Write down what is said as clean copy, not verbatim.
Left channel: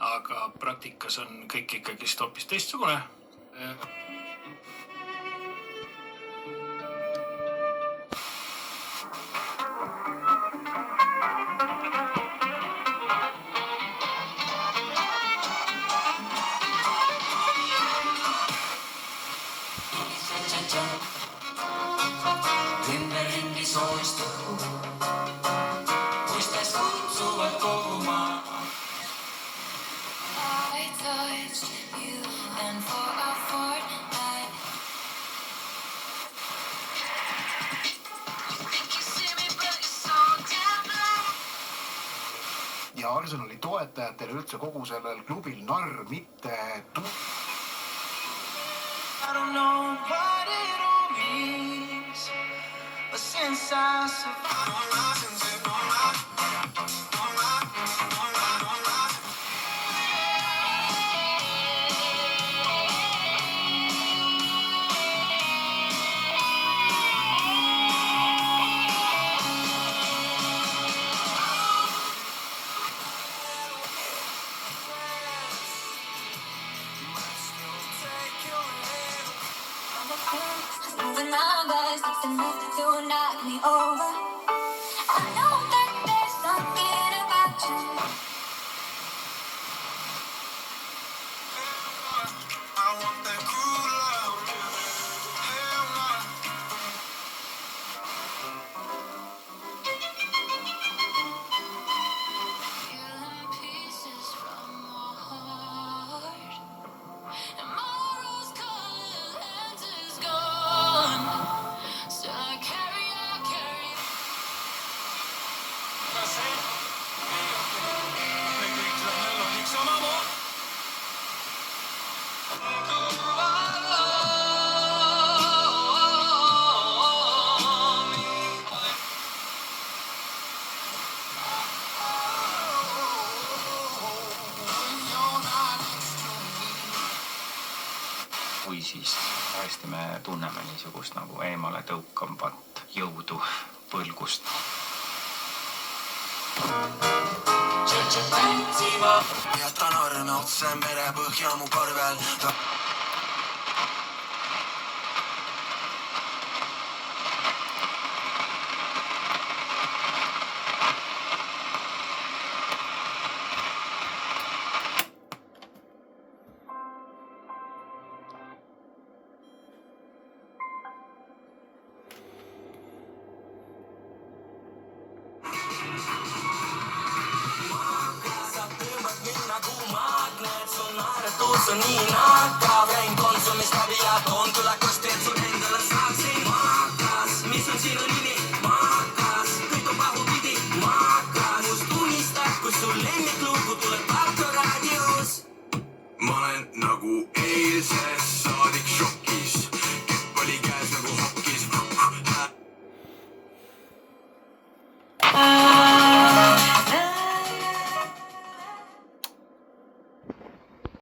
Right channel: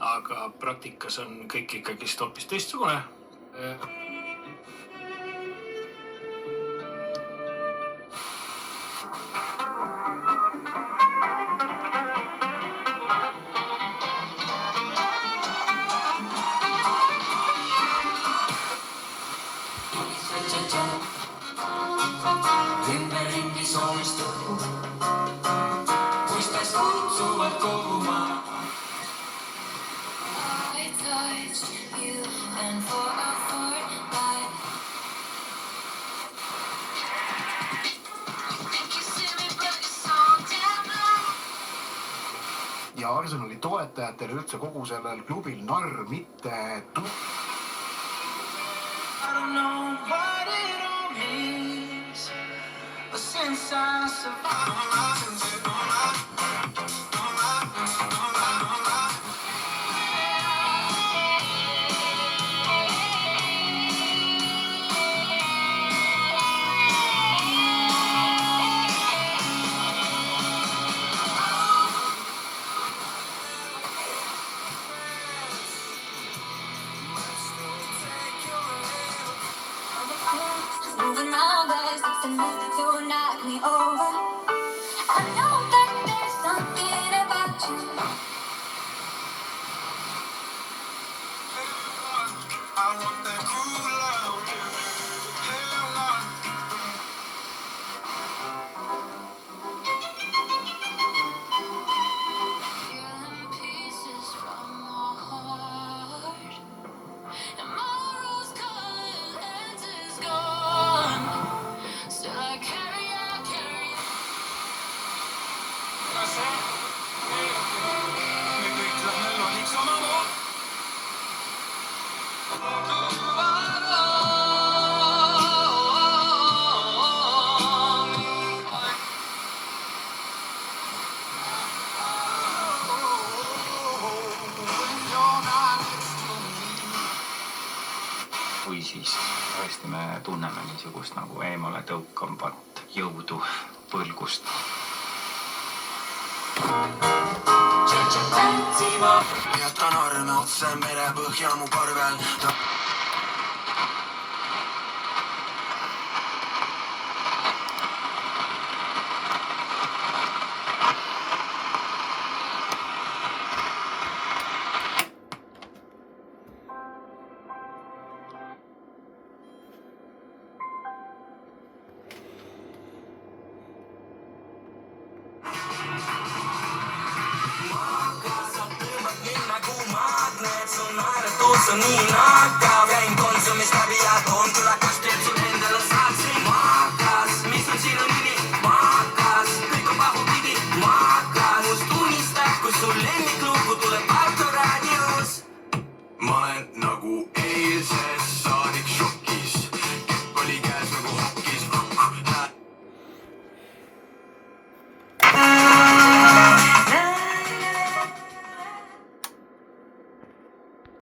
aga praktikas on kõik ikkagist hoopis teistsugune. Ümberringi sooristugu, muistas kutsuvad koguma. I touched you and for a fortnight. Ja Arsenali toetajatel üldse kogu sellel klubil narr mitte I don't know what it all means, but since I survived. Moving around us, nothing to knock me over. I know that there's something about you. I want that cruel love. Hell no. Feeling pieces from my heart, and my rose-colored lens is gone. Still I carry on. Või siis tõesti me tunneme niisugust nagu eemale tõukambat jõudu põlgust. Jätan arme otse merepõhja mu parvel. Sa tõmbad minna, kui maadled, sun naered tuutsa nii naata.